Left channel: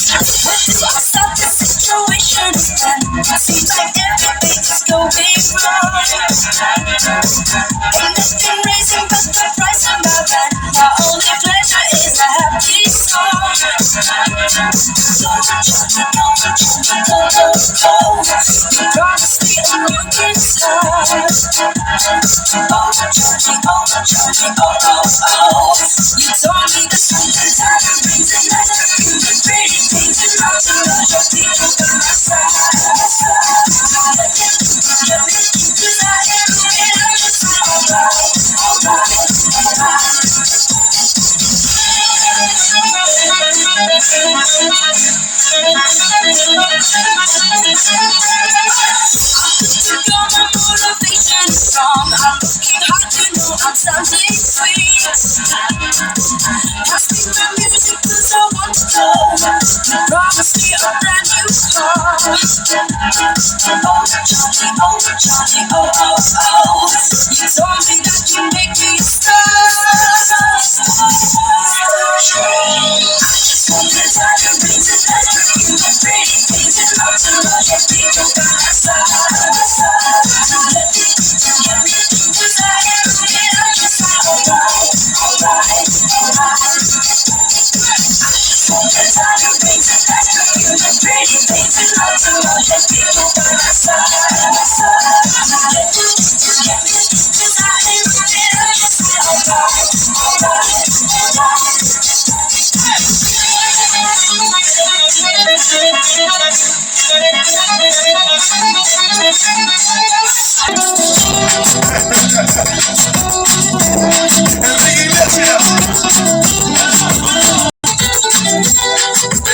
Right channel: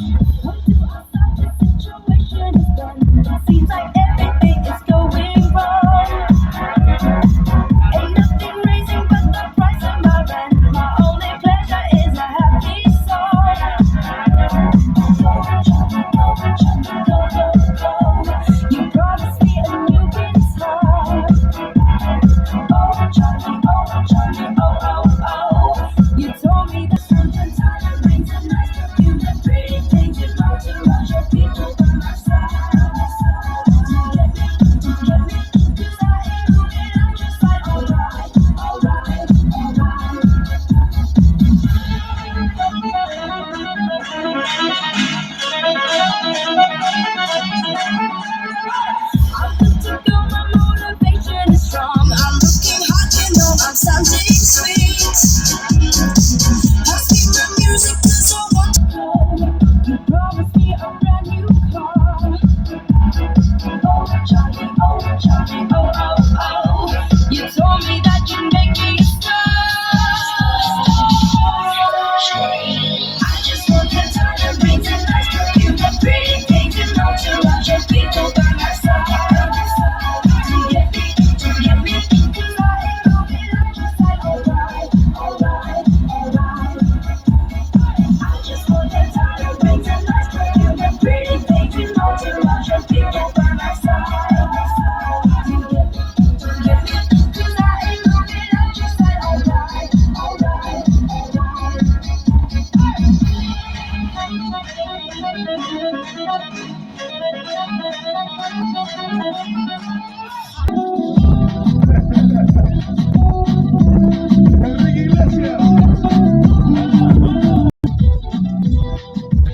Stop the situation again. Seems like everything is going wrong. Ain't nothing raising but the price of my rent. My only pleasure is a happy song. Go, Johnny, go, Johnny, go, go, go. You promised me a new guitar. Oh, Johnny, oh, Johnny, oh, oh, oh. You told me the something time brings a night. You did pretty things and lots of other people by my side. Cause I am moving up the side. Girl, my motivation is strong. I'm looking hot, you know I'm sounding sweet. Pass me the music 'cause I want to go. You promised me a brand new car. Oh, Johnny, oh, Johnny, oh, oh, oh. You told me that you make me a star. I just want the diamonds and nice perfume and pretty things and lots of other people by my side. Cause I am moving up the side. Alright. I just want the diamonds and nice perfume and pretty things and lots of other people by my side. Cause I am moving up the side. Enrique Iglesias.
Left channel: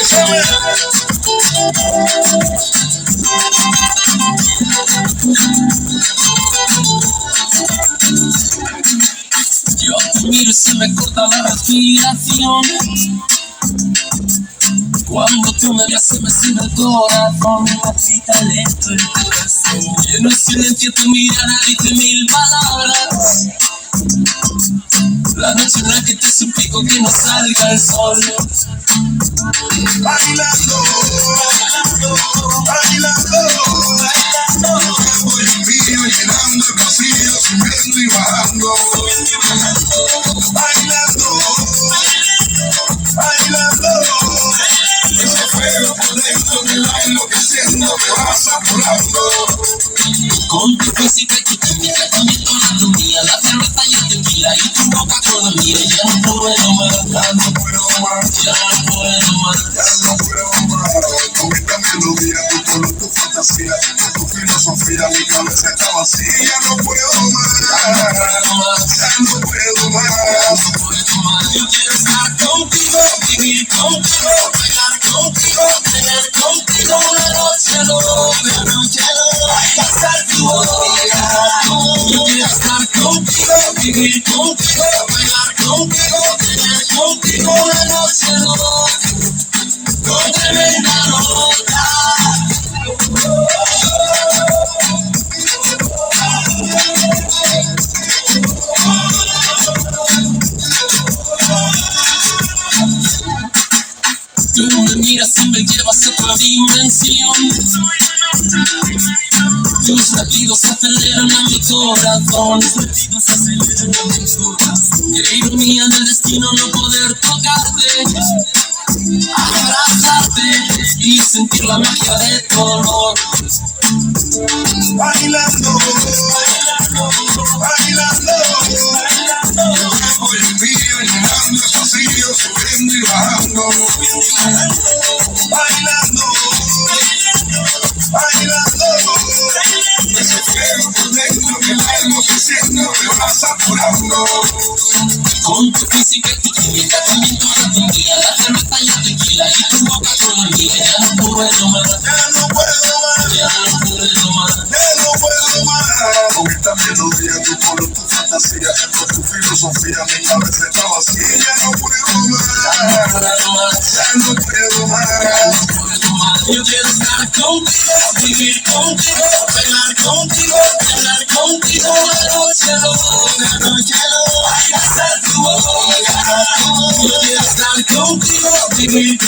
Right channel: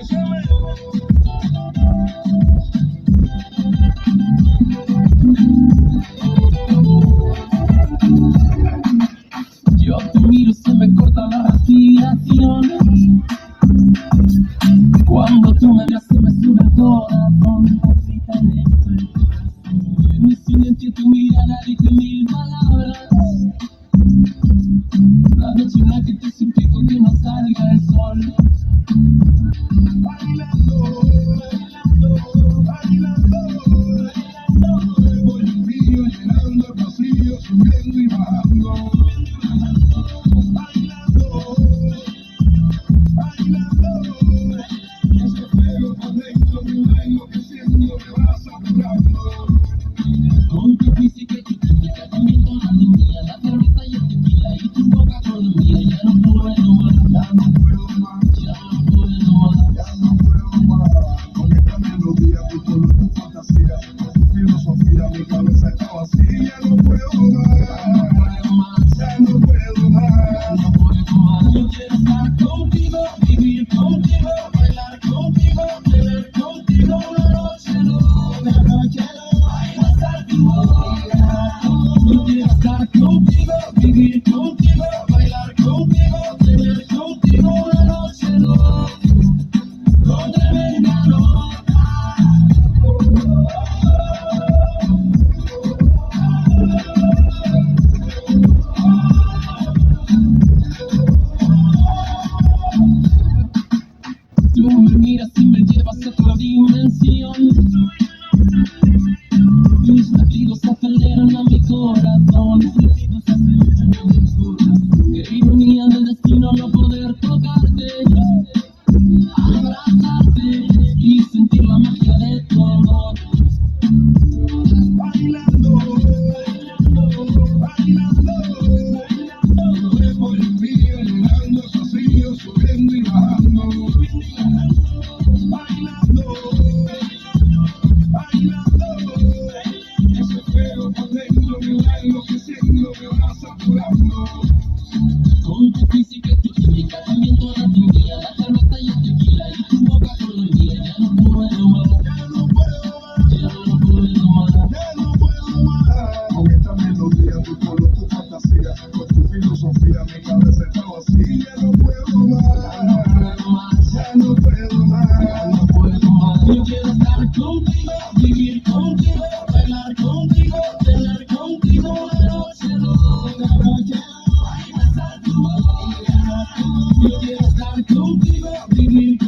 Échame. Yo te miro y se me corta la respiración. Cuando tú me ves se me sube el corazón. Me palpita lento el corazón. Lleno de silencio tu mirada dice mil palabras. La noche en la que te suplico que no salga el sol. Bailando, bailando, bailando. Voy un mío llenando el vacío, subiendo y bajando. Bailando, bailando. Ese fuego por dentro me va enloqueciendo, me va saturando. Con tu física y tu química, también toda tu mía. La cerveza y el tequila y tu boca con la mía. Ya no puedo más, Ya no puedo más, ya no puedo más. ya no puedo más. Con esta melodía, tu color, tu fantasía, tu filosofía, mi cabeza está vacía. Ya no puedo más, ya no puedo más. Yo quiero estar contigo, vivir contigo, bailar contigo, tener contigo una noche loca, pasar tu boca. Yo quiero estar contigo, vivir contigo, bailar contigo, tener contigo una noche loca, con tremenda nota. Tú me miras y me llevas a otra dimensión. Tus latidos aceleran a mi corazón. Qué ironía del destino no poder tocarte, abrazarte y sentir la magia de tu olor. Bailando, bailando, bailando. Voy un mío llenando el vacío, subiendo y bajando. Bailando, bailando. Ese fuego por dentro me va enloqueciendo, me va saturando. Con tu física y tu química, también toda tu mía. La cerveza y el tequila y tu boca con la mía. Ya no puedo más, Ya no puedo más, ya no puedo más. ya no puedo más. Con esta melodía, tu color, tu fantasía, con tu filosofía, mi cabeza está vacía. Ya no puedo más, ya no puedo más. Yo quiero estar contigo, vivir contigo, bailar contigo, tener contigo una noche loca, noche loca. me